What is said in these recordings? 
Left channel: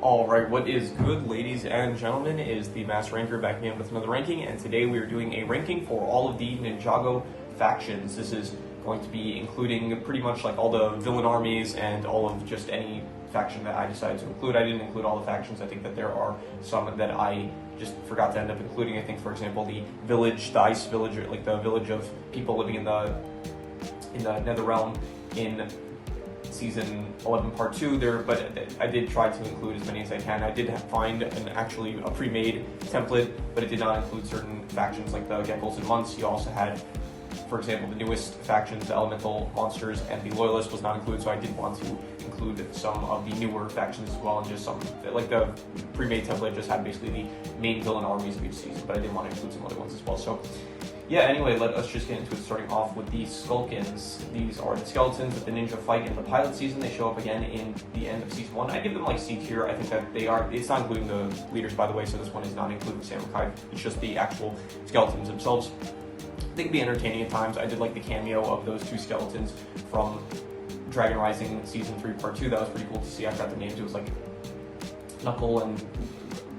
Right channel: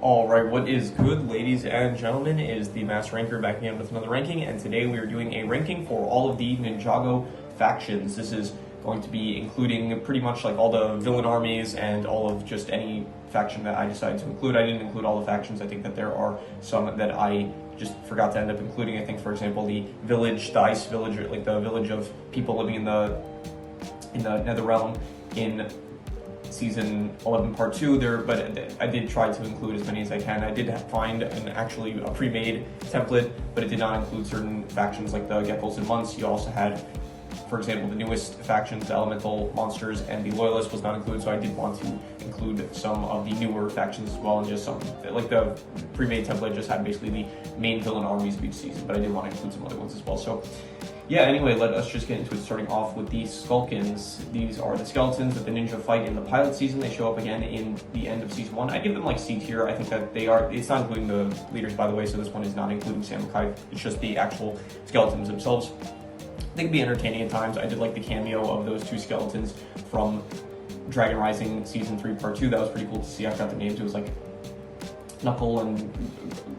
Alright, what is good, ladies and gentlemen, is Themasr Ranker back again with another ranking, and today we are doing a ranking for all of the Ninjago factions. This is going to be including pretty much like all the villain armies and all of just any faction that I decided to include. I didn't include all the factions. I think that there are some that I just forgot to end up including. I think, for example, the village, the ice village, or like the village of people living in the Nether Realm in Season 11 Part 2 there, but I did try to include as many as I can. I did find actually a pre-made template, but it did not include certain factions like the Geckos and Months. You also had, for example, the newest factions, the Elemental Monsters, and the Loyalist was not included, so I did want to include some of the newer factions as well, and just some, like the pre-made template just had basically the main villain armies of each season, but I did want to include some other ones as well. So yeah, anyway, let us just get into it, starting off with the Skulkins. These are the skeletons that the ninja fight in the pilot season. They show up again in the end of Season 1. I give them like C tier. I think that they are, it's not including the leaders, by the way, so this one is not including Samukai. It's just the actual skeletons themselves. They can be entertaining at times. I did like the cameo of those two skeletons from Dragon Rising Season 3 Part 2. That was pretty cool to see. I forgot their names. It was like Knuckle and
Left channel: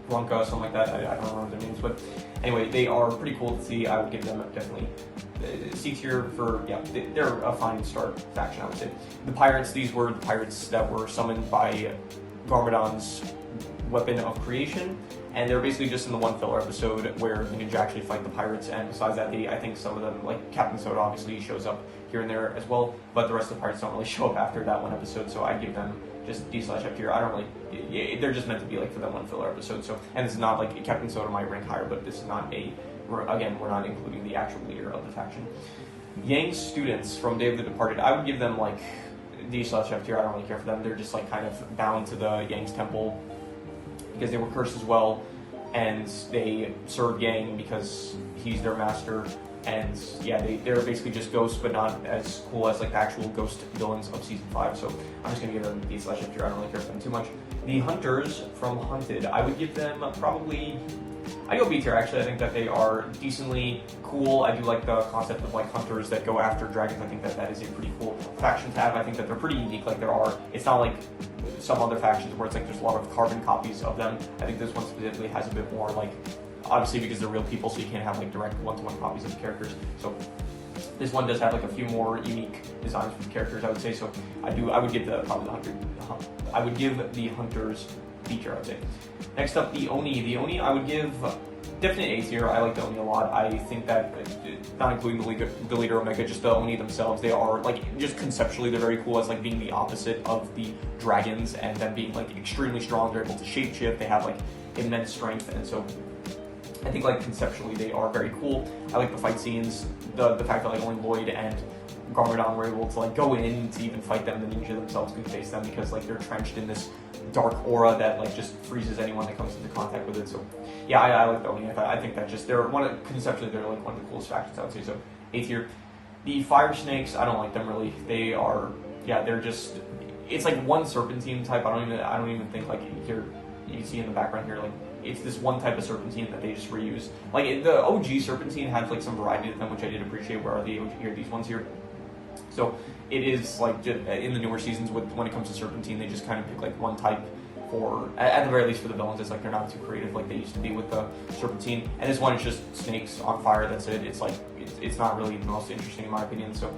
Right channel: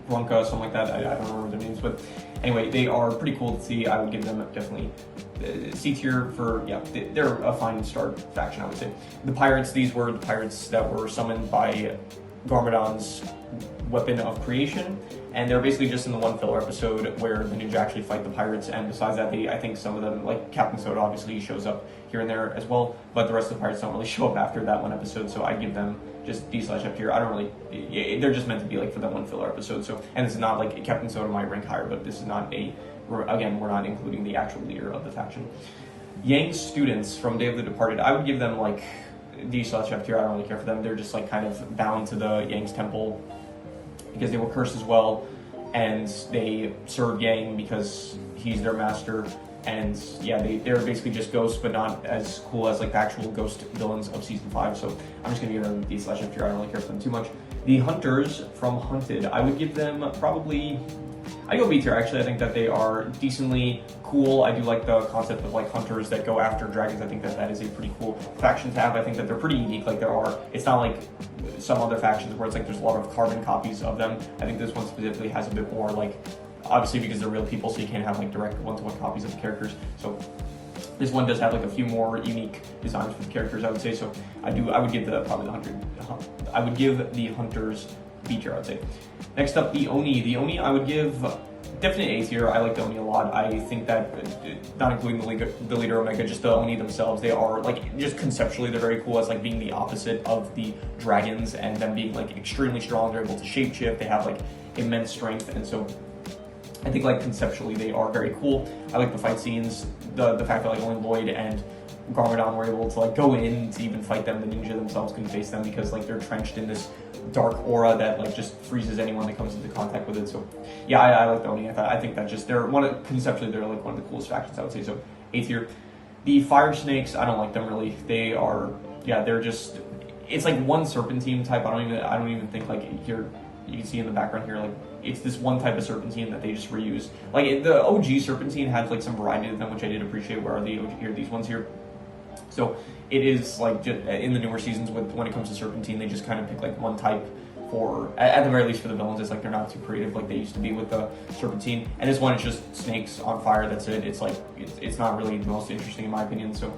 Bronca, something like that. I don't remember their names, but anyway, they are pretty cool to see. I would give them definitely C tier for, yeah, they're a fine start faction, I would say. The pirates, these were the pirates that were summoned by Garmadon's weapon of creation, and they're basically just in the one filler episode where the ninja actually fight the pirates, and besides that, I think some of them, like Captain Soda obviously shows up here and there as well, but the rest of the pirates don't really show up after that one episode, so I give them just D/F here. I don't really, they're just meant to be like for that one filler episode, so, and this is not like, Captain Soda might rank higher, but this is not again, we're not including the actual leader of the faction. Yang's students from Day of the Departed, I would give them like D/F here. I don't really care for them. They're just like kind of bound to the Yang's temple because they were cursed as well, and they serve Yang because he's their master. And yeah, they're basically just ghosts, but not as cool as like the actual ghost villains of Season 5. So I'm just gonna give them D/F here. I don't really care for them too much. The Hunters from Hunted, I would give them probably, I go B tier actually. I think that they are decently cool. I do like the concept of like hunters that go after dragons. I think that that is a pretty cool faction to have. I think that they're pretty unique. Like it's not like some other factions where it's like there's a lot of carbon copies of them. I think this one specifically has a bit more like, obviously because they're real people, so you can't have like direct one-to-one copies of the characters. So this one does have like a few more unique designs for the characters, I would say. So I would give I would give the hunters B tier, I would say. Next up, the Oni. The Oni, I would give definitely A tier. I like the Oni a lot. I think that, not including the leader Omega, just the Oni themselves, they are like, just conceptually, they're very cool as like being the opposite of the dragons, and them being like extremely strong. They're able to shapeshift. They have like immense strength, and so I think like conceptually they are very cool. I like the fight scenes, the fact that like only Lloyd and Garmadon were able to like go in to even fight them. The ninja themselves can face them because like they're trenched in this dark aura that like just freezes anyone that comes into contact with it. So yeah, I like the Oni. I think that just conceptually they're like one of the coolest factions, I would say. So A tier. The Fire Snakes, I don't like them really. They are, yeah, they're just, it's like one serpentine type. I don't even think like here, you can see in the background here, like it's this one type of serpentine that they just reuse. Like the OG serpentine has like some variety to them, which I did appreciate. Where are the OG here? These ones here. So it is like just in the newer seasons, when it comes to serpentine, they just kind of pick like one type for, at the very least for the villains. It's like they're not too creative like they used to be with the serpentine. And this one is just snakes on fire. That's it. It's like it's not really the most interesting in my opinion. So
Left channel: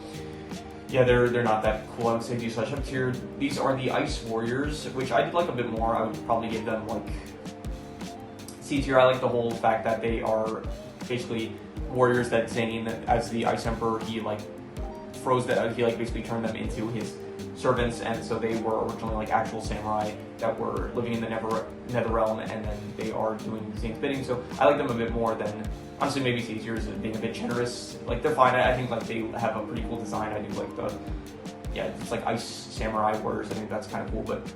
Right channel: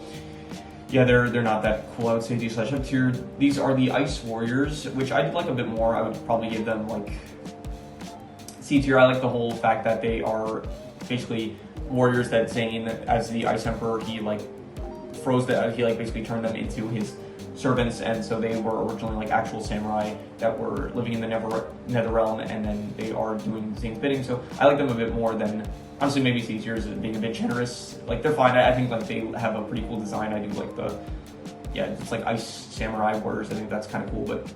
yeah, they're not that cool. I would say D/F tier. These are the Ice Warriors, which I did like a bit more. I would probably give them like C tier. I like the whole fact that they are basically warriors that Zane, as the Ice Emperor, he like froze that, he like basically turned them into his servants, and so they were originally like actual samurai that were living in the Nether Realm, and then they are doing Zane's bidding. So I like them a bit more than, honestly, maybe C tier is being a bit generous. Like they're fine. I think like they have a pretty cool design. I do like the, yeah, it's like ice samurai warriors. I think that's kind of cool, but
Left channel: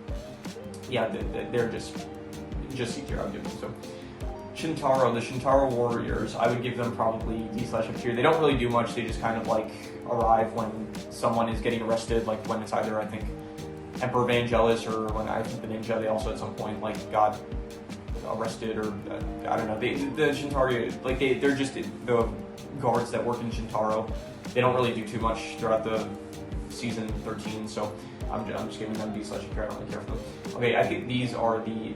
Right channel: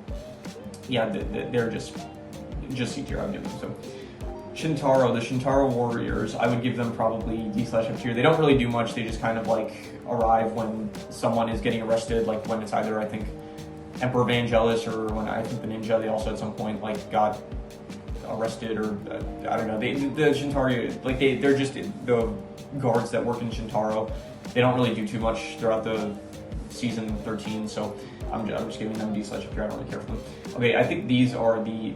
yeah, they're just C tier. I would give them. So Shintaro, the Shintaro Warriors, I would give them probably D/F tier. They don't really do much. They just kind of like arrive when someone is getting arrested, like when it's either, I think, Emperor Vangelis, or when I think the ninja, they also at some point like got arrested, or I don't know. The Shintaro, like they're just the guards that work in Shintaro. They don't really do too much throughout the season 13, so I'm just giving them D/F tier. I don't really care for them. Okay, I think these are the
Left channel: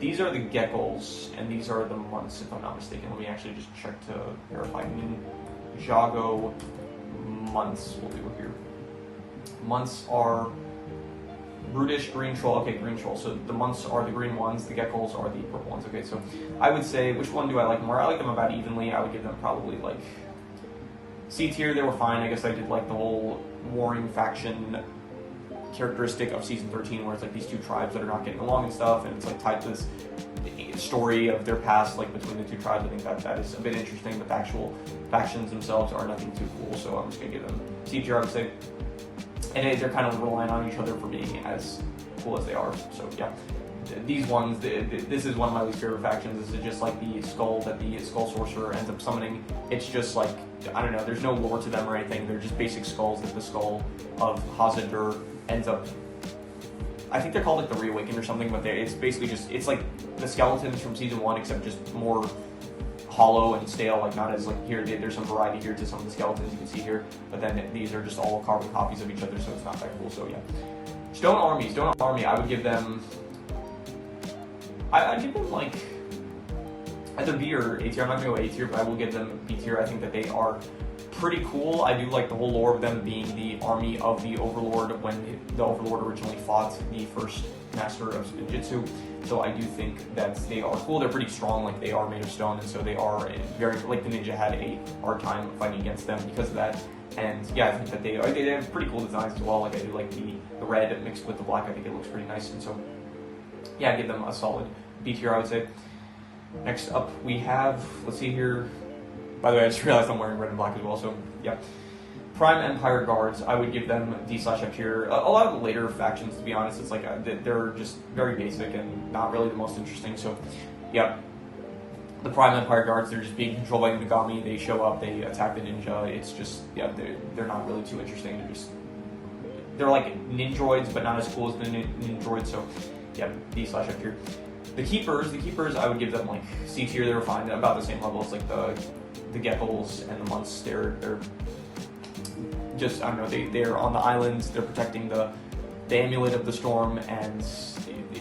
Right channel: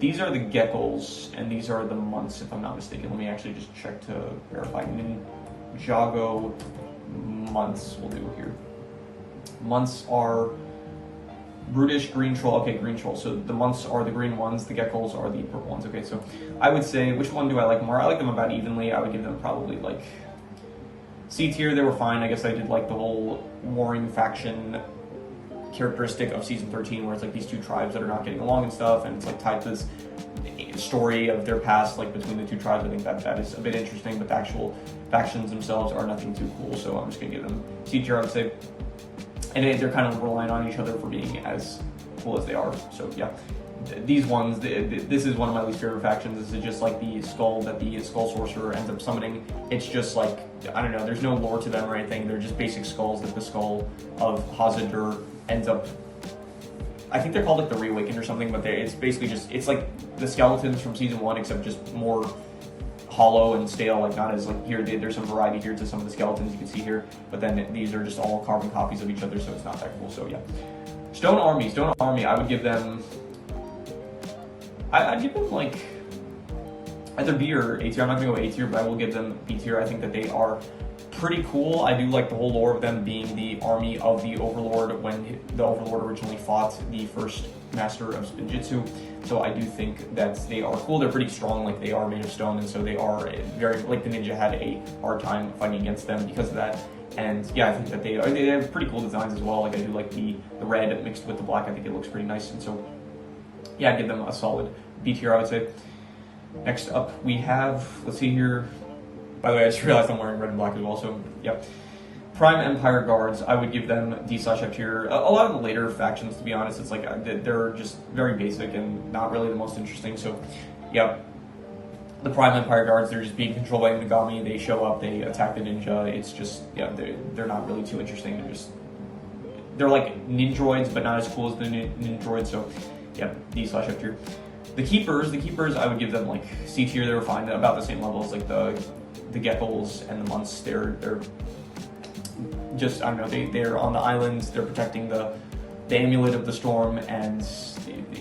geckos, and these are the months, if I'm not mistaken. Let me actually just check to verify. Ninjago months we'll do here. Months are brutish, green troll. Okay, green troll. So the months are the green ones, the geckos are the purple ones. Okay, so I would say, which one do I like more? I like them about evenly. I would give them probably like C tier. They were fine. I guess I did like the whole warring faction characteristic of season 13, where it's like these two tribes that are not getting along and stuff, and it's like tied to this story of their past, like between the two tribes. I think that is a bit interesting, but the actual factions themselves are nothing too cool, so I'm just gonna give them C tier, I would say. And they're kind of relying on each other for being as cool as they are. So yeah, these ones, this is one of my least favorite factions. This is just like the skull that the skull sorcerer ends up summoning. It's just like, I don't know, there's no lore to them or anything. They're just basic skulls that the skull of Hazadur ends up, I think they're called like the Reawakened or something, but it's basically just, it's like the skeletons from season 1, except just more hollow and stale, like not as like here, there's some variety here to some of the skeletons you can see here, but then these are just all carbon copies of each other, so it's not that cool. So yeah, Stone Army, I would give them, I'd give them like either B or A tier. I'm not gonna go A tier, but I will give them B tier. I think that they are pretty cool. I do like the whole lore of them being the army of the Overlord when the Overlord originally fought the first master of Jitsu. So I do think that they are cool. They're pretty strong, like they are made of stone, and so they are very, like the ninja had a hard time fighting against them because of that. And yeah, I think that they have pretty cool designs as well. Like I do like the red mixed with the black. I think it looks pretty nice, and so yeah, I'd give them a solid B tier, I would say. Next up we have, let's see here. By the way, I just realized I'm wearing red and black as well, so yeah. Prime Empire Guards, I would give them D/F tier. A lot of the later factions, to be honest, it's like they're just very basic and not really the most interesting. So yeah, the Prime Empire Guards, they're just being controlled by Unagami. They show up, they attack the ninja. It's just, yeah, they're not really too interesting. They're like ninjroids, but not as cool as the ninjroids. So yeah, D/F tier. The keepers, I would give them like C tier. They were fine, about the same level as like the geckos and the months. They're just, I don't know, they're on the islands, they're protecting the amulet of the storm, and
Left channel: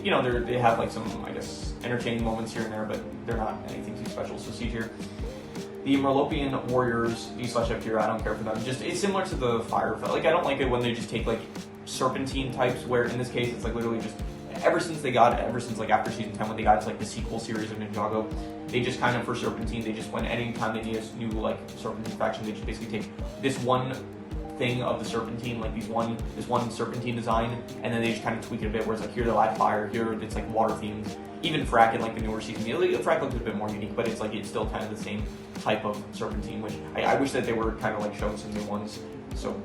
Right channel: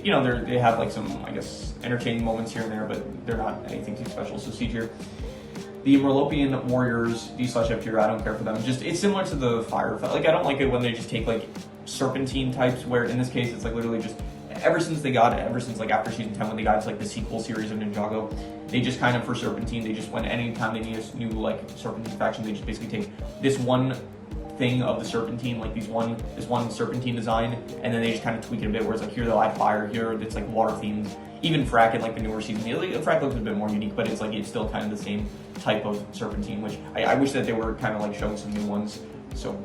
you know, they have like some, I guess, entertaining moments here and there, but they're not anything too special, so C tier. The Merlopian warriors, D/F tier. I don't care for them. Just, it's similar to the fire, like I don't like it when they just take like serpentine types, where in this case it's like literally just ever since like after season 10, when they got to like the sequel series of Ninjago, they just kind of, for serpentine, they just, when anytime they need a new like serpentine faction, they just basically take this one thing of the serpentine, like this one serpentine design, and then they just kind of tweak it a bit, where it's like, here they'll add fire, here it's like water themed. Even Frack in like the newer season, Frack looks a bit more unique, but it's like, it's still kind of the same type of serpentine, which I wish that they were kind of like showing some new ones. So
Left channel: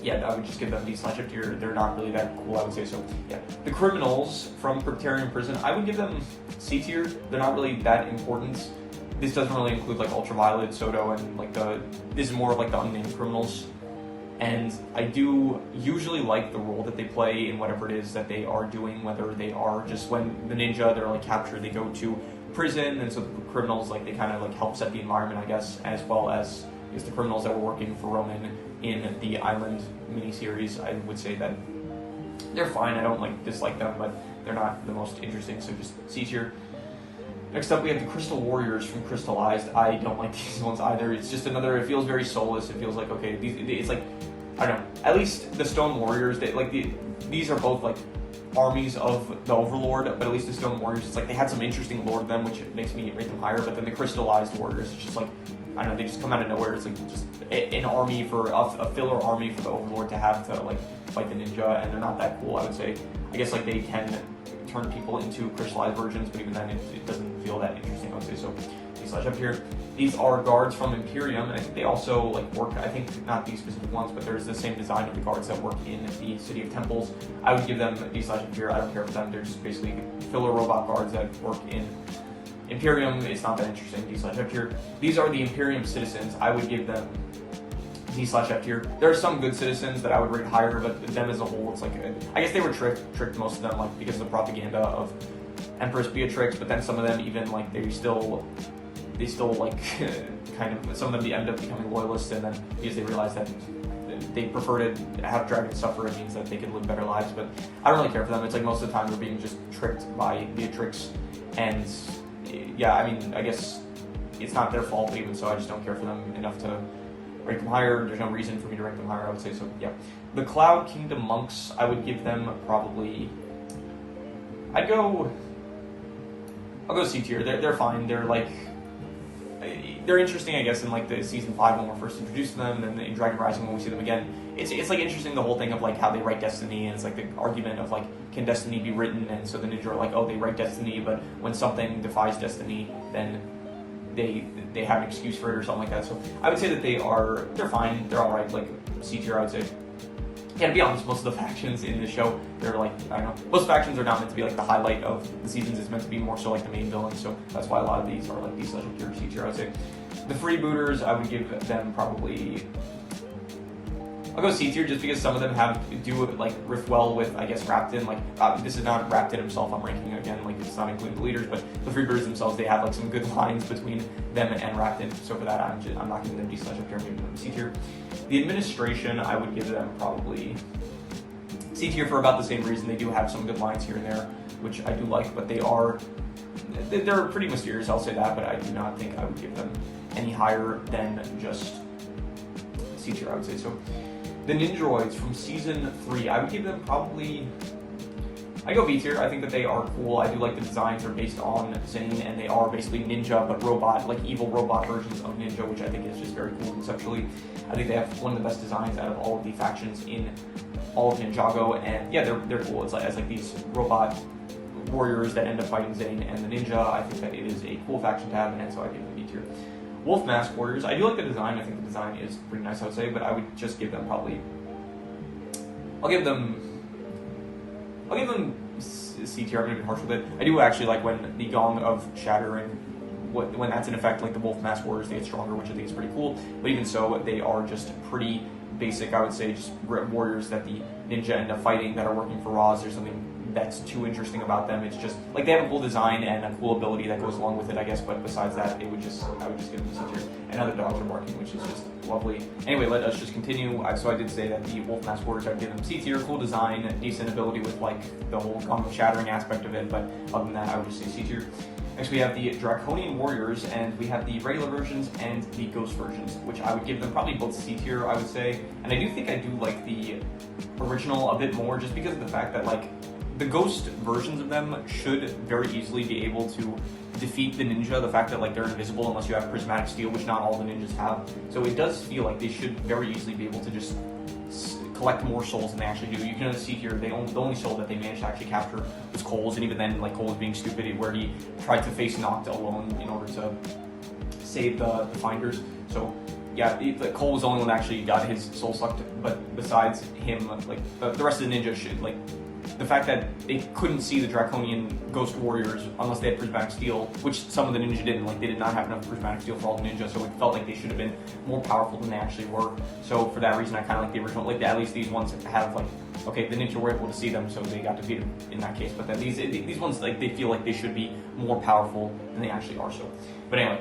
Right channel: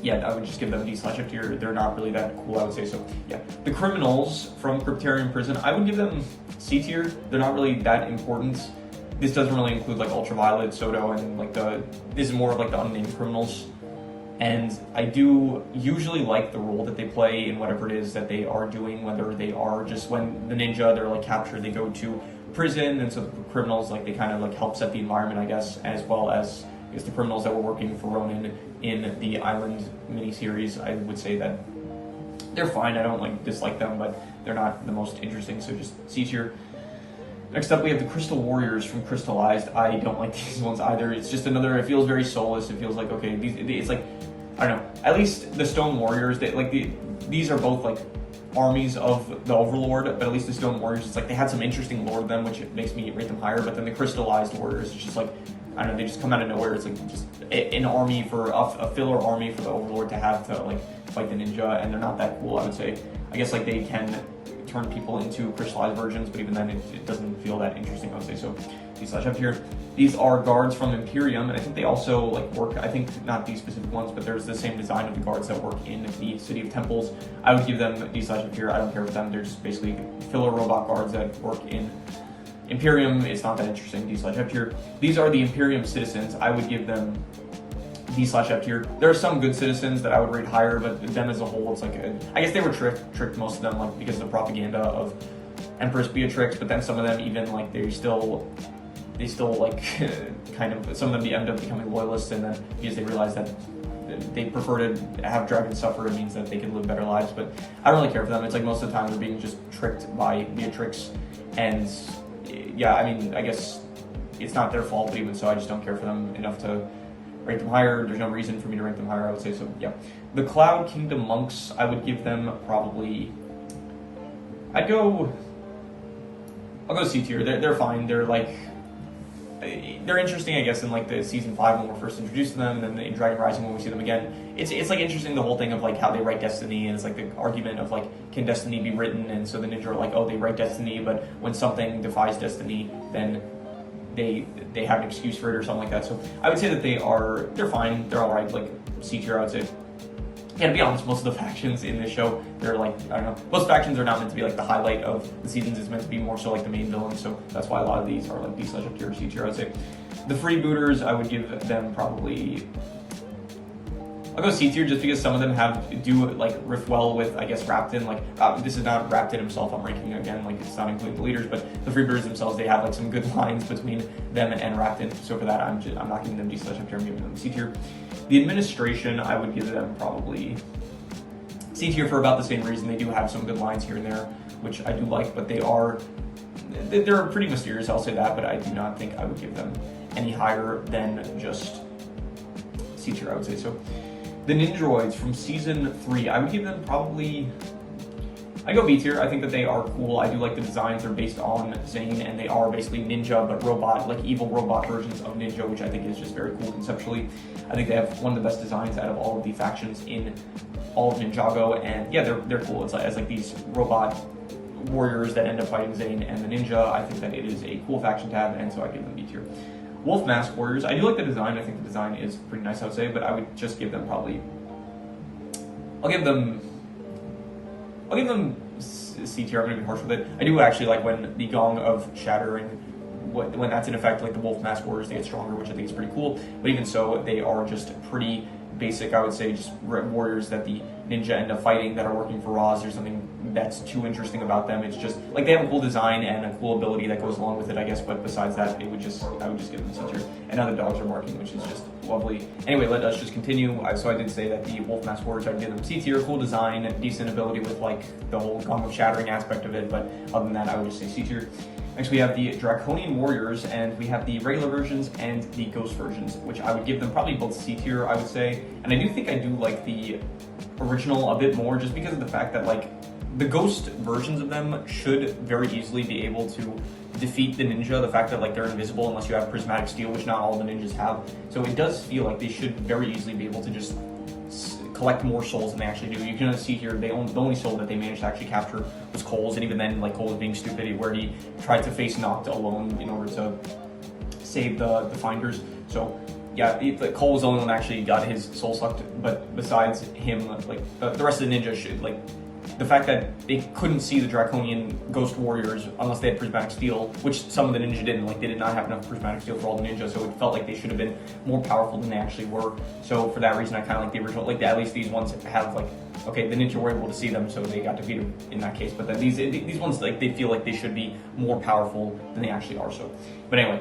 yeah, I would just give them D/F tier. They're not really that cool, I would say. So yeah, the criminals from Cryptarian Prison, I would give them C tier. They're not really that important. This doesn't really include like Ultraviolet, Soto, and like this is more of like the unnamed criminals. And I do usually like the role that they play in whatever it is that they are doing, whether they are just, when the ninja, they're like captured, they go to prison, and so the criminals, like they kind of like help set the environment, I guess, as well as the criminals that were working for Ronin in the Island miniseries. I would say that they're fine. I don't like dislike them, but they're not the most interesting, so just C tier. Next up, we have the Crystal Warriors from Crystallized. I don't like these ones either. It's just another, it feels very soulless. It feels like, okay, it's like, I don't know, at least the Stone Warriors, these are both like armies of the Overlord, but at least the Stone Warriors, it's like they had some interesting lore to them, which makes me rate them higher, but then the Crystallized Warriors, it's just like, I don't know, they just come out of nowhere. It's like just an army for a filler army for the Overlord to have to like fight the ninja, and they're not that cool, I would say. I guess like they can turn people into crystallized versions, but even then it doesn't feel that interesting, I would say. So D/F here. These are guards from Imperium, and I think they also like work, I think not these specific ones, but there's the same design of the guards that work in the City of Temples. I would give them D/F here. I don't care for them. They're just basically filler robot guards that work in Imperium. It's not that interesting. D/F here. These are the Imperium citizens. I would give them D/F tier. There are some good citizens that I would rate higher, but them as a whole, it's like, I guess they were tricked, most of them, like because of the propaganda of Empress Beatrix, but then some of them even like they still like kind of, some of them end up becoming loyalists, and then because they realize that they prefer to have dragons suffer. It means that they can live better lives, but I don't really care for them. It's like most of the time they're being just tricked by Beatrix, and yeah, I mean, I guess it's not their fault, but even so, I just don't care for them enough to rank them higher. There's no reason for me to rank them higher, I would say, so yeah. The Cloud Kingdom monks, I would give them probably, I'll go C tier. They're fine. They're like, they're interesting, I guess, in like the season 5 when we're first introduced to them, and then in Dragon Rising when we see them again. It's like interesting, the whole thing of like how they write Destiny, and it's like the argument of like, can Destiny be written? And so the ninja are like, oh, they write Destiny, but when something defies Destiny, then they have an excuse for it or something like that. So I would say that they're fine. They're all right, like C tier, I would say. Yeah, to be honest, most of the factions in this show, they're like, I don't know, most factions are not meant to be like the highlight of the seasons. It's meant to be more so like the main villain, so that's why a lot of these are like B/ up tier, C tier, I would say. The freebooters, I would give them probably, I'll go C tier just because some of them do like riff well with, I guess, Raptin. Like, this is not Raptin himself I'm ranking again, like it's not including the leaders, but the freebooters themselves, they have like some good lines between them and Raptin. So for that, I'm not giving them D/ up tier, I'm giving them C tier. The administration, I would give them probably C tier for about the same reason. They do have some good lines here and there, which I do like, but they're pretty mysterious, I'll say that, but I do not think I would give them any higher than just C tier, I would say. So the Ninjaroids from season 3, I would give them probably, I go B tier. I think that they are cool. I do like the designs. They're based on Zane, and they are basically ninja, but robot, like evil robot versions of ninja, which I think is just very cool conceptually. I think they have one of the best designs out of all of the factions in all of Ninjago, and yeah, they're cool. It's like these robot warriors that end up fighting Zane and the ninja. I think that it is a cool faction to have, and so I give them B tier. Wolf Mask Warriors, I do like the design. I think the design is pretty nice, I would say, but I would just give them probably, I'll give them C tier. I'm going to be harsh with it. I do actually like when the Gong of Shattering, when that's in effect, like the Wolf Mask Warriors, they get stronger, which I think is pretty cool. But even so, they are just pretty basic, I would say, just warriors that the ninja end up fighting that are working for Roz. There's something that's too interesting about them. It's just like they have a cool design and a cool ability that goes along with it, I guess. But besides that, I would just give them C tier. And now the dogs are barking, which is just lovely. Anyway, let us just continue. So I did say that the Wolf Mask Warriors, I'd give them C tier. Cool design, decent ability with like the whole Gong of Shattering aspect of it. But other than that, I would just say C tier. Next, we have the Draconian Warriors, and we have the regular versions and the ghost versions, which I would give them probably both C tier, I would say. And I do think I do like the original a bit more, just because of the fact that like the ghost versions of them should very easily be able to defeat the ninja. The fact that like they're invisible unless you have prismatic steel, which not all the ninjas have. So it does feel like they should very easily be able to just collect more souls than they actually do. You can see here, the only soul that they managed to actually capture was Cole's, and even then, like, Cole was being stupid, where he tried to face Noct alone in order to save the Finders. So yeah, Cole was the only one that actually got his soul sucked, but besides him, like, the rest of the ninjas should, like, the fact that they couldn't see the Draconian Ghost Warriors unless they had Prismatic Steel, which some of the ninja didn't, like they did not have enough Prismatic Steel for all the ninjas, so it felt like they should have been more powerful than they actually were. So for that reason, I kind of like the original, like at least these ones have like, okay, the ninja were able to see them, so they got defeated in that case. But then these ones, like they feel like they should be more powerful than they actually are. So, but anyway.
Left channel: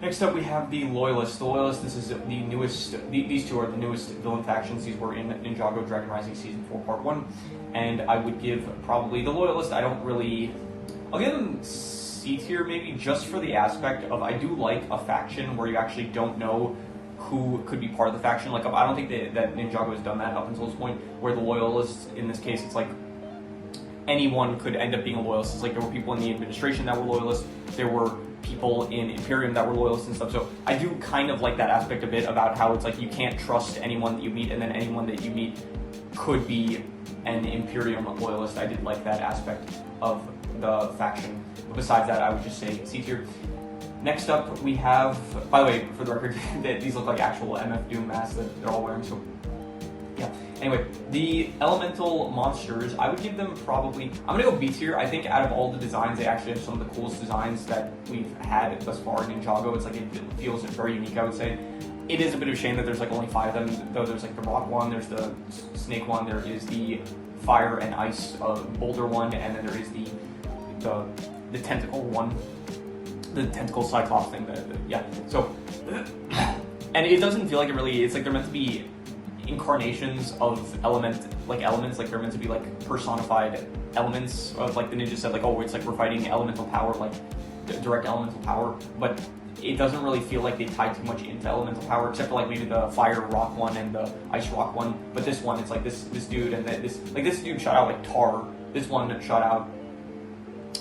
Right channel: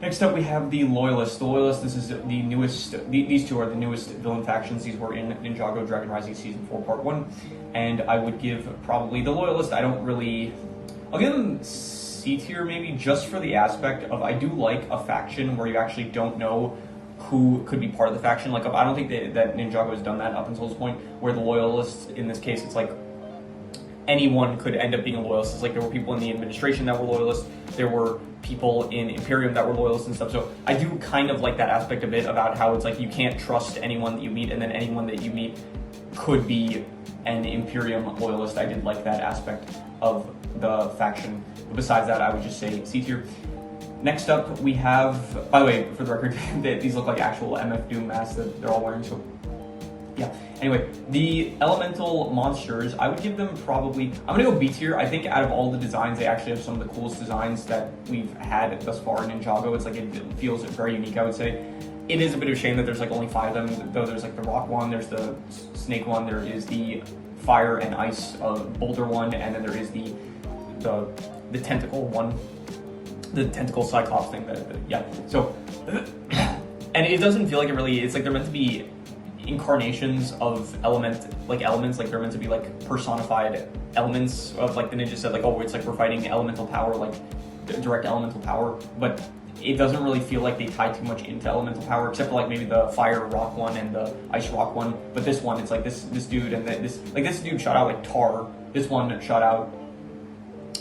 Next up, we have the Loyalists. The Loyalists, this is the newest, these two are the newest villain factions. These were in Ninjago Dragon Rising Season 4 Part 1. And I would give probably the Loyalists, I'll give them C tier maybe, just for the aspect of, I do like a faction where you actually don't know who could be part of the faction. Like, I don't think that Ninjago has done that up until this point, where the Loyalists, in this case, it's like, anyone could end up being a loyalist. It's like there were people in the administration that were loyalists, there were people in Imperium that were loyalists and stuff. So I do kind of like that aspect of it, about how it's like you can't trust anyone that you meet, and then anyone that you meet could be an Imperium loyalist. I did like that aspect of the faction. But besides that, I would just say C tier. Next up, we have, by the way, for the record, these look like actual MF Doom masks that they're all wearing, so yeah. Anyway, the elemental monsters, I would give them probably, I'm gonna go B tier. I think out of all the designs, they actually have some of the coolest designs that we've had thus far in Ninjago. It's like, it feels very unique, I would say. It is a bit of a shame that there's like only 5 of them, though. There's like the rock one, there's the snake one, there is the fire and ice boulder one, and then there is the tentacle one, the tentacle cyclops thing. Yeah, so, and it doesn't feel like it really, it's like they're meant to be incarnations of elements, like they're meant to be like personified elements of, like the ninja said, like, oh, it's like we're fighting elemental power, like direct elemental power, but it doesn't really feel like they tie too much into elemental power, except for like maybe the fire rock one and the ice rock one. But this one, it's like this dude and this dude shot out like tar. This one shot out,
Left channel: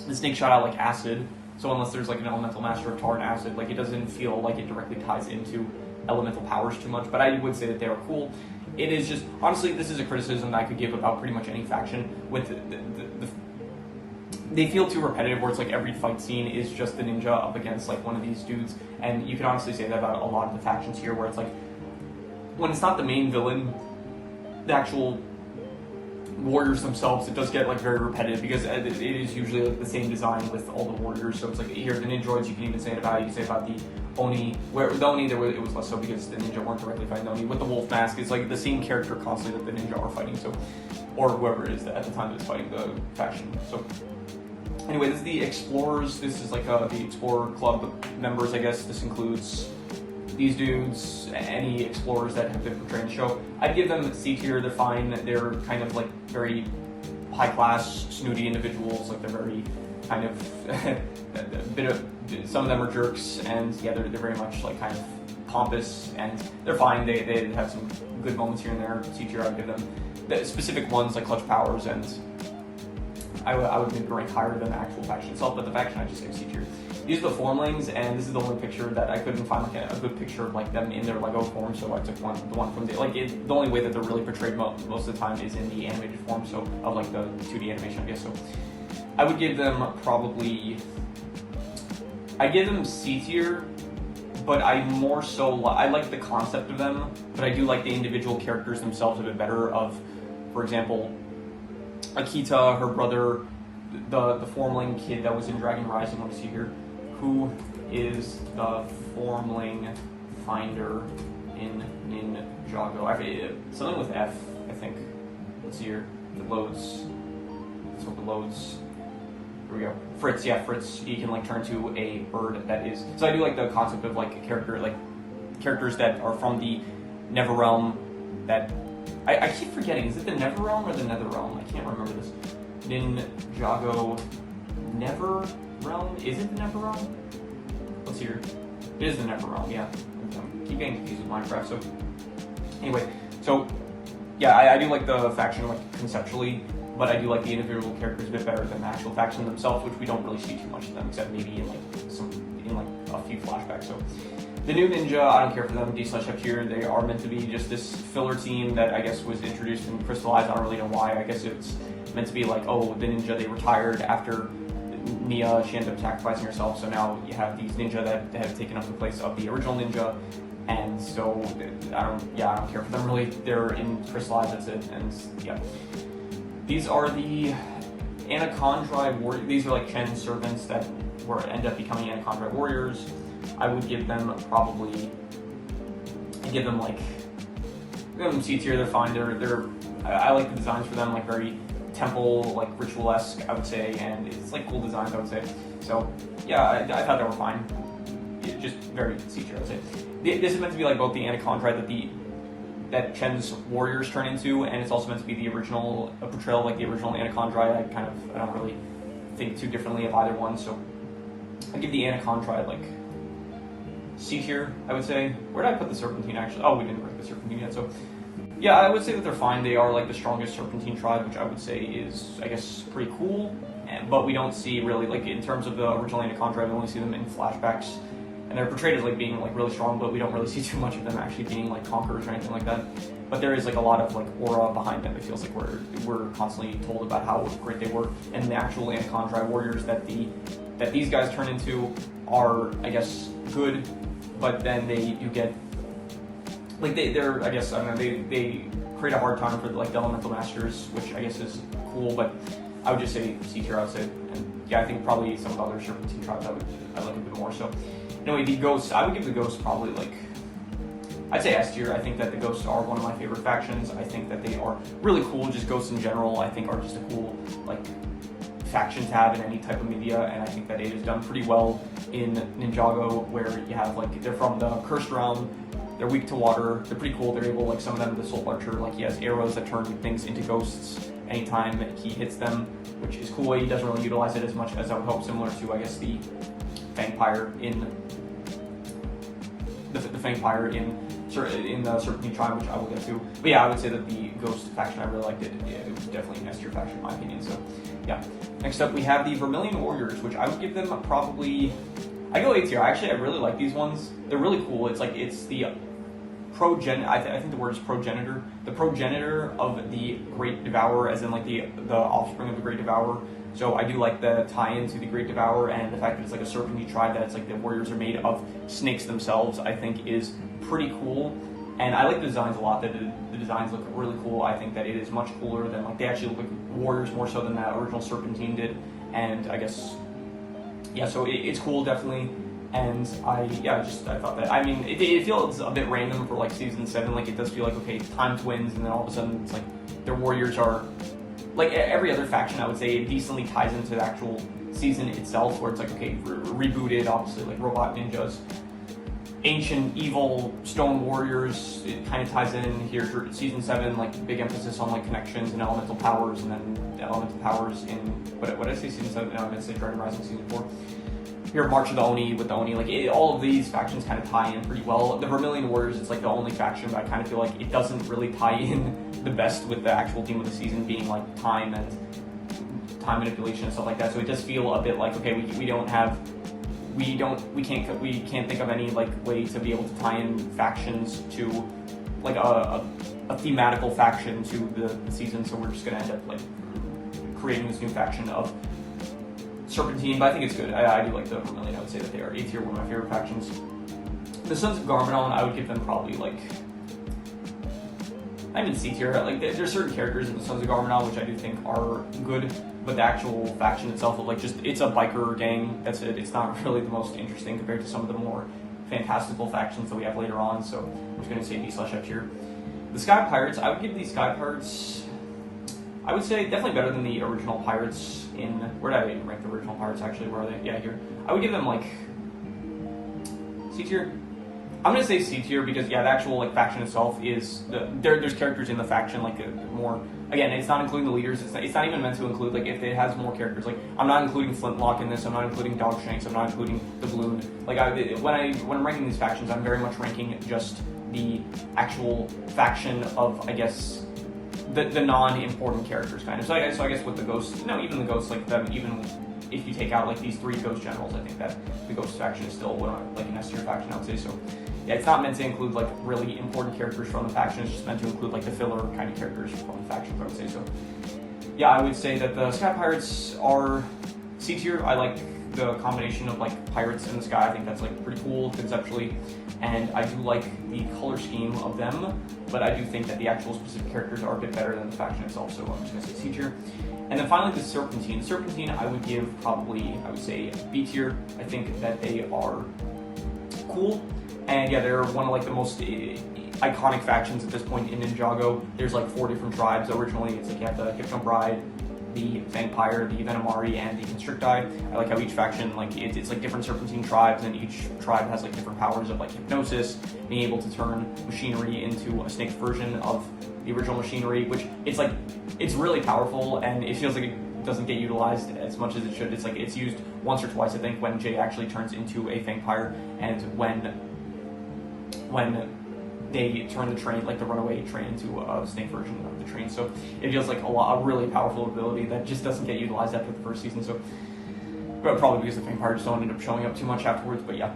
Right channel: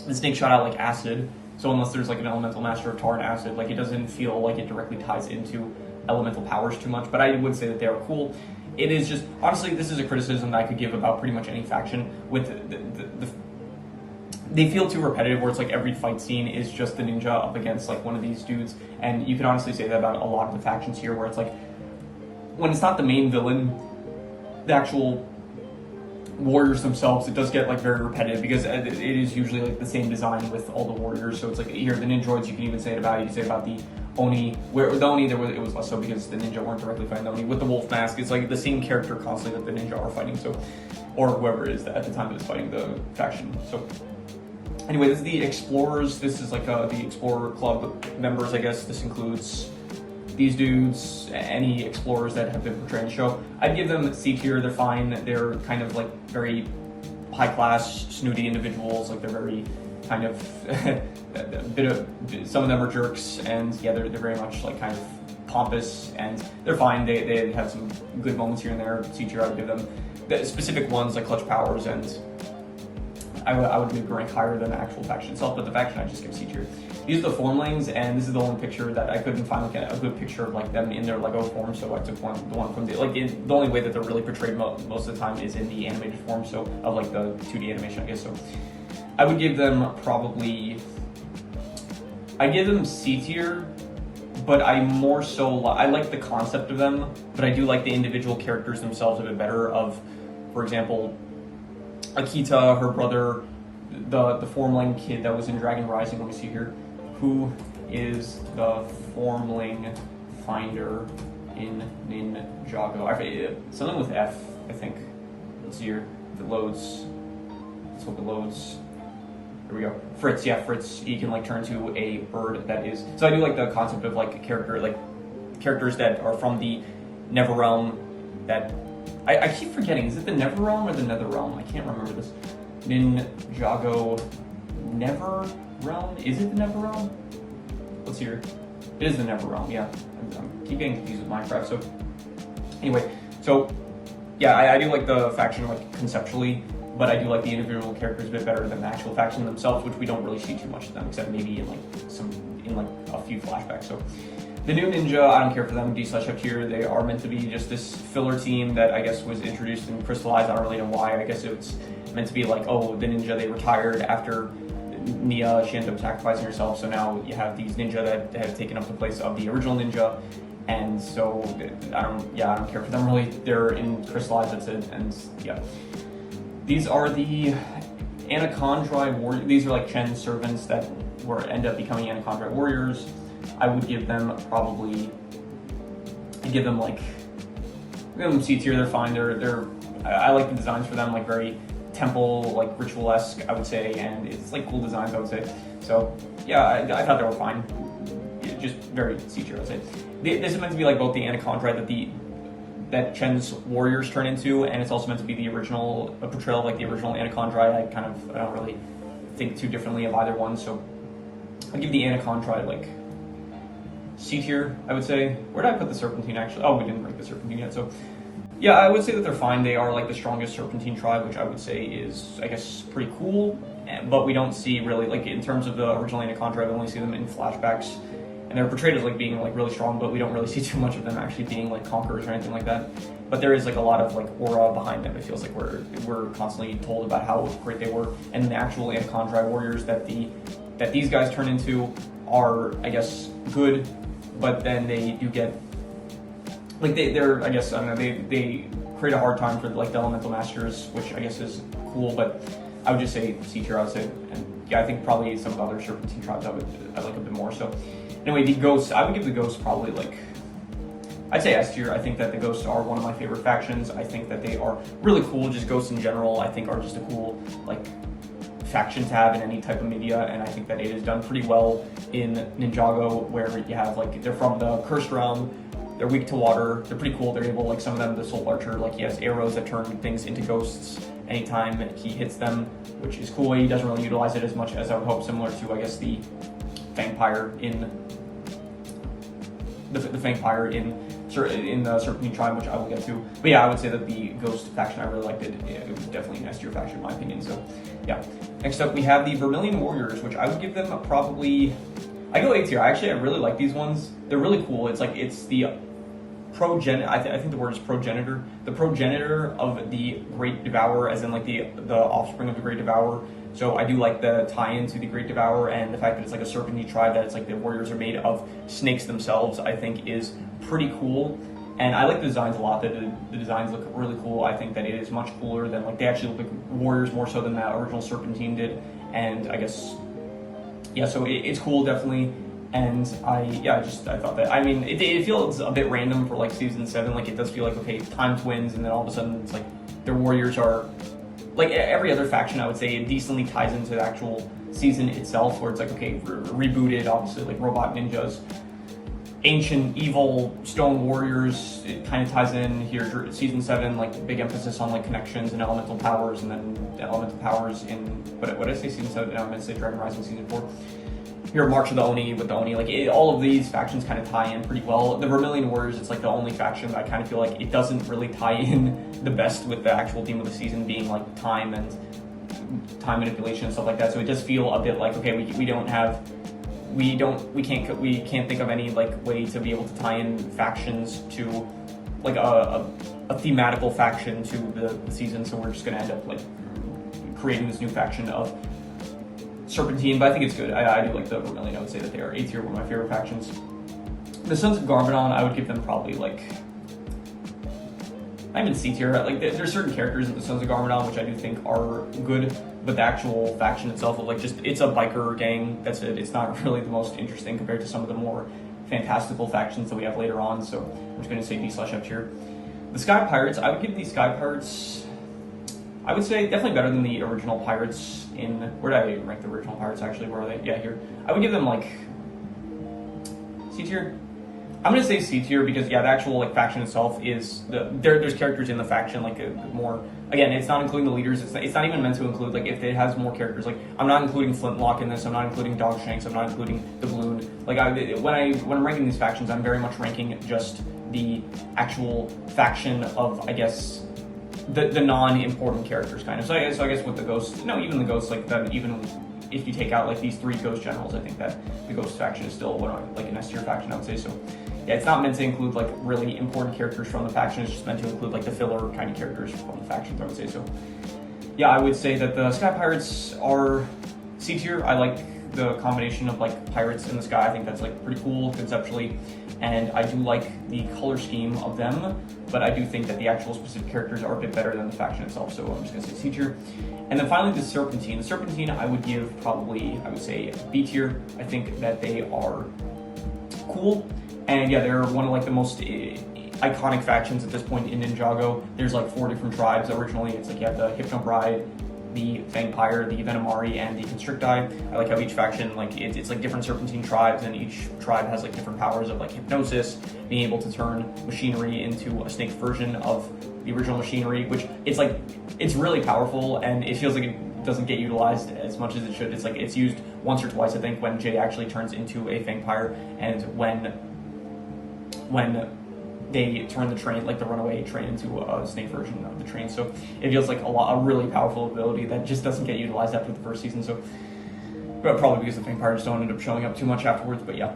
the snake shot out like acid. So unless there's like an elemental master of tar and acid, like it doesn't feel like it directly ties into elemental powers too much. But I would say that they are cool. It is just, honestly, this is a criticism that I could give about pretty much any faction. With they feel too repetitive, where it's like every fight scene is just the ninja up against like one of these dudes. And you can honestly say that about a lot of the factions here, where it's like, when it's not the main villain, the actual warriors themselves, it does get like very repetitive, because it is usually like the same design with all the warriors. So it's like here, the ninjoids, you can even say it about, you can say about the Oni, where with the Oni it was less so, because the ninja weren't directly fighting the Oni. With the wolf mask, it's like the same character constantly that the ninja are fighting, so, or whoever it is at the time that's fighting the faction. So anyway, this is the Explorers. This is like the Explorer Club members, I guess. This includes these dudes, any explorers that have been portrayed in the show. I'd give them C tier. They're fine. They're kind of like very high class, snooty individuals. Like they're very kind of some of them are jerks, and yeah, they're very much like kind of pompous, and they're fine. They have some good moments here and there. C tier, I would give them. The specific ones like Clutch Powers, and I would maybe rank higher than the actual faction itself, but the faction I just give C tier. These are the formlings, and this is the only picture that I couldn't find like a good picture of like them in their Lego form, so I took the one from the, like the only way that they're really portrayed most of the time is in the animated form, so of like the 2D animation, I guess. So I would give them probably, I give them C tier, but I more so, I like the concept of them, but I do like the individual characters themselves a bit better. Of, for example, Akita, her brother, the formling kid that was in Dragon Rising. Let me see here. Who is the formling finder in Ninjago? Something with F, I think. Let's see here. If it loads. Let's hope it loads. Here we go. Fritz, yeah, Fritz. He can like turn to a bird that is. So I do like the concept of like a character, like characters that are from the Never Realm. That I keep forgetting. Is it the Never Realm or the Nether Realm? I can't remember this. Ninjago Never Realm? Is it the Never Realm? Let's see here. It is the Never Realm, yeah. I keep getting confused with Minecraft. So anyway, so yeah, I do like the faction like conceptually, but I do like the individual characters a bit better than the actual faction themselves, which we don't really see too much of them, except maybe in like a few flashbacks. So the new ninja, I don't care for them. D/F tier. They are meant to be just this filler team that I guess was introduced and crystallized. I don't really know why. I guess it's meant to be like, oh, the ninja, they retired after Nia, she ended up sacrificing herself, so now you have these ninja that have taken up the place of the original ninja, and so I don't care for them really. They're in crystallized, that's it, and yeah. These are the Anachondri warriors. These are like Chen's servants that end up becoming Anachondri warriors. I would give them probably, give them C tier. They're fine. I like the designs for them, like very temple, like ritual-esque, I would say, and it's like cool designs, I would say. So yeah, I thought they were fine. Just very C tier, I would say. This is meant to be like both the Anachondri that Chen's warriors turn into, and it's also meant to be the original portrayal of like the original Anachondri. I don't really think too differently of either one, so I'd give the Anachondri like C tier, I would say. Where did I put the Serpentine actually? Oh, we didn't rank the Serpentine yet, so yeah, I would say that they're fine. They are like the strongest Serpentine tribe, which I would say is, I guess, pretty cool, but we don't see really, like in terms of the original Anachondri, we only see them in flashbacks, and they're portrayed as like being like really strong, but we don't really see too much of them actually being like conquerors or anything like that. But there is like a lot of like aura behind them. It feels like we're constantly told about how great they were, and the actual Anachondri warriors that these guys turn into are, I guess, good, but then they do get like they're I guess, I don't know, they create a hard time for like the elemental masters, which I guess is cool, but I would just say C tier, I would say. And yeah, I think probably some of the other Serpentine tribes I like a bit more. So anyway, the ghosts, I would give the ghosts probably like, I'd say S tier. I think that the ghosts are one of my favorite factions. I think that they are really cool. Just ghosts in general, I think, are just a cool like faction to have in any type of media, and I think that it is done pretty well in Ninjago, where you have like, they're from the Cursed Realm, They're weak to water. They're pretty cool. They're able, like some of them, the Soul Archer, like he has arrows that turn things into ghosts anytime he hits them, which is cool. He doesn't really utilize it as much as I would hope, similar to, I guess, the Fangpyre in the Fangpyre in the Serpentine Tribe, which I will get to. But yeah, I would say that the Ghost faction, I really liked it. It was definitely an S tier faction in my opinion. So yeah. Next up, we have the Vermilion Warriors, which I would give them probably, I go A tier. Actually, I really like these ones. They're really cool. It's like, it's the I think the word is progenitor. The progenitor of the Great Devourer, as in like the offspring of the Great Devourer. So I do like the tie-in to the Great Devourer, and the fact that it's like a serpentine tribe, that it's like the warriors are made of snakes themselves, I think is pretty cool. And I like the designs a lot. The designs look really cool. I think that it is much cooler than, like, they actually look like warriors more so than that original Serpentine did. And I guess, yeah, so it's cool, definitely. And I thought that, I mean, it feels a bit random for like season 7. Like, it does feel like, okay, time twins, and then all of a sudden it's like their warriors are, like every other faction, I would say it decently ties into the actual season itself, where it's like, okay, rebooted, obviously, like robot ninjas, ancient evil stone warriors. It kind of ties in here for season 7, like big emphasis on like connections and elemental powers, and then the elemental powers in what did I say, season 7? No, I'm gonna say Dragon Rising season 4. Here, March of the Oni with the Oni, like all of these factions kind of tie in pretty well. The Vermilion Warriors, it's like the only faction, but I kind of feel like it doesn't really tie in the best with the actual theme of the season being like time and time manipulation and stuff like that. So it does feel a bit like, okay, we can't think of any like way to be able to tie in factions to like a thematical faction to the season. So we're just gonna end up like creating this new faction of Serpentine, but I think it's good. I do like the Vermilion. I would say that they are A tier, one of my favorite factions. The Sons of Garmadon, I would give them probably like, I'm in C tier. Like, there's certain characters in the Sons of Garmadon which I do think are good, but the actual faction itself of like just, it's a biker gang. That's it. It's not really the most interesting compared to some of the more fantastical factions that we have later on. So I'm just going to say D/F tier. The Sky Pirates, I would give the Sky Pirates, I would say definitely better than the original Pirates in, where did I rank the original Pirates actually? Where are they? Yeah, here. I would give them like C tier. I'm gonna say C tier because, yeah, the actual like faction itself is there's characters in the faction like more. Again, it's not including the leaders. It's not even meant to include, like, if it has more characters. Like, I'm not including Flintlock in this. I'm not including Dogshanks. I'm not including the Balloon. Like, when I'm ranking these factions, I'm very much ranking just the actual faction of, I guess, the non-important characters, kind of. So I guess with the Ghosts, no, even the Ghosts, like them, even if you take out like these 3 Ghost generals, I think that the Ghost faction is still like an S tier faction, I would say. So yeah, it's not meant to include like really important characters from the faction. It's just meant to include like the filler kind of characters from the factions, I would say. So yeah, I would say that the Sky Pirates are C tier. I like the combination of like pirates in the sky. I think that's like pretty cool conceptually, and I do like the color scheme of them, but I do think that the actual specific characters are a bit better than the faction itself, so I'm just gonna say C tier. And then finally the Serpentine. The Serpentine I would give probably, I would say B tier. I think that they are cool, and yeah, they're one of like the most iconic factions at this point in Ninjago. There's like 4 different tribes. Originally it's like you have the Hypno Bride, the Fangpyre, the Venomari, and the Constricti. I like how each faction, like, it's like different Serpentine tribes, and each tribe has like different powers of like hypnosis, being able to turn machinery into a snake version of the original machinery, which it's really powerful, and it feels like it doesn't get utilized as much as it should. It's like it's used once or twice, I think, when Jay actually turns into a Fangpyre, and when they turn the train, like the runaway train, into a snake version of the train. So it feels like a really powerful ability that just doesn't get utilized after the first season. So, but probably because the Fangpyres don't end up showing up too much afterwards. But yeah,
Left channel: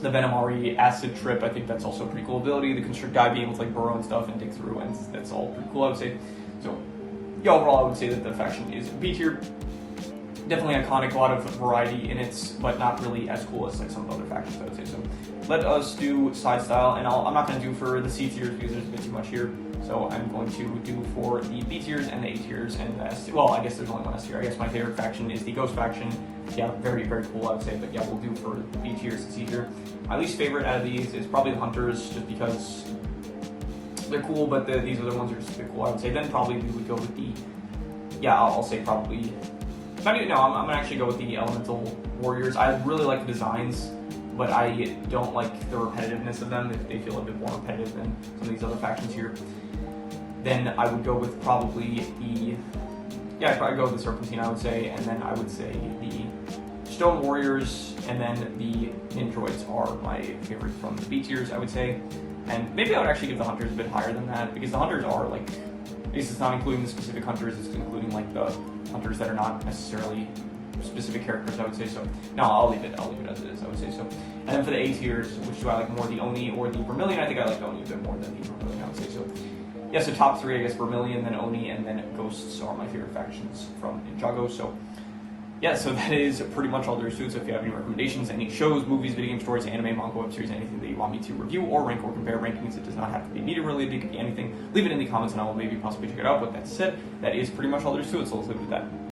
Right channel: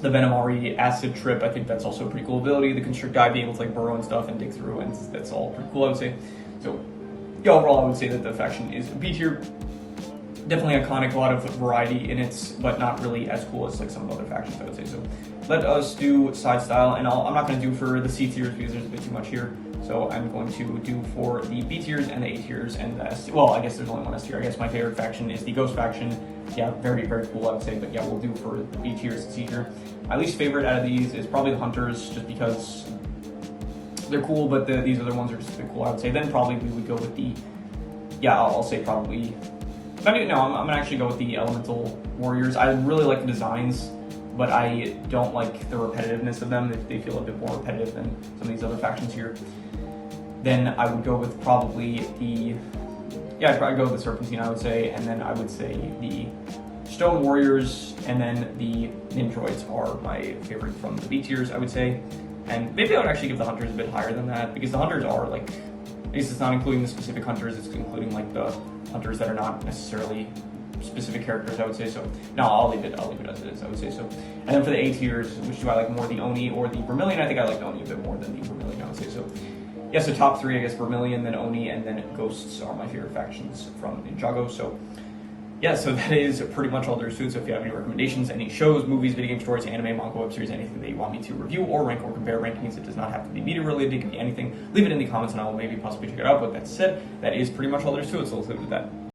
the Venomari Acid Trip, I think that's also a pretty cool ability. The Constricti being able to like burrow and stuff and dig through, and that's all pretty cool, I would say. So yeah, overall, I would say that the faction is B tier. Definitely iconic, a lot of variety in it, but not really as cool as like some of the other factions, I would say. So let us do side style, and I'm not going to do for the C tiers because there's a bit too much here. So I'm going to do for the B tiers and the A tiers and the S tier. Well, I guess there's only one S tier. I guess my favorite faction is the Ghost faction. Yeah, very, very cool, I would say. But yeah, we'll do for the B tiers and C tier. My least favorite out of these is probably the Hunters, just because they're cool, but these other ones are just a bit cool, I would say. Then probably we would go with the, yeah, I'll say probably, no, I'm gonna actually go with the Elemental Warriors. I really like the designs, but I don't like the repetitiveness of them. They feel a bit more repetitive than some of these other factions here. Then I would go with probably I'd probably go with the Serpentine, I would say, and then I would say the Stone Warriors, and then the Nindroids are my favorite from the B tiers, I would say. And maybe I would actually give the Hunters a bit higher than that, because the Hunters are like, at least it's not including the specific Hunters, it's including like the Hunters that are not necessarily specific characters, I would say. So no, I'll leave it as it is, I would say so. And then for the A tiers, which do I like more, the Oni or the Vermilion? I think I like the Oni a bit more than the Vermilion, I would say so. Yeah, so top three, I guess Vermilion, then Oni, and then Ghosts are my favorite factions from Ninjago. So yeah, so that is pretty much all there is to it. So if you have any recommendations, any shows, movies, video game stories, anime, manga, web series, anything that you want me to review or rank or compare rankings, it does not have to be media related, it could be anything. Leave it in the comments and I will maybe possibly check it out. But that said, that is pretty much all there is to it, so let's leave it at that.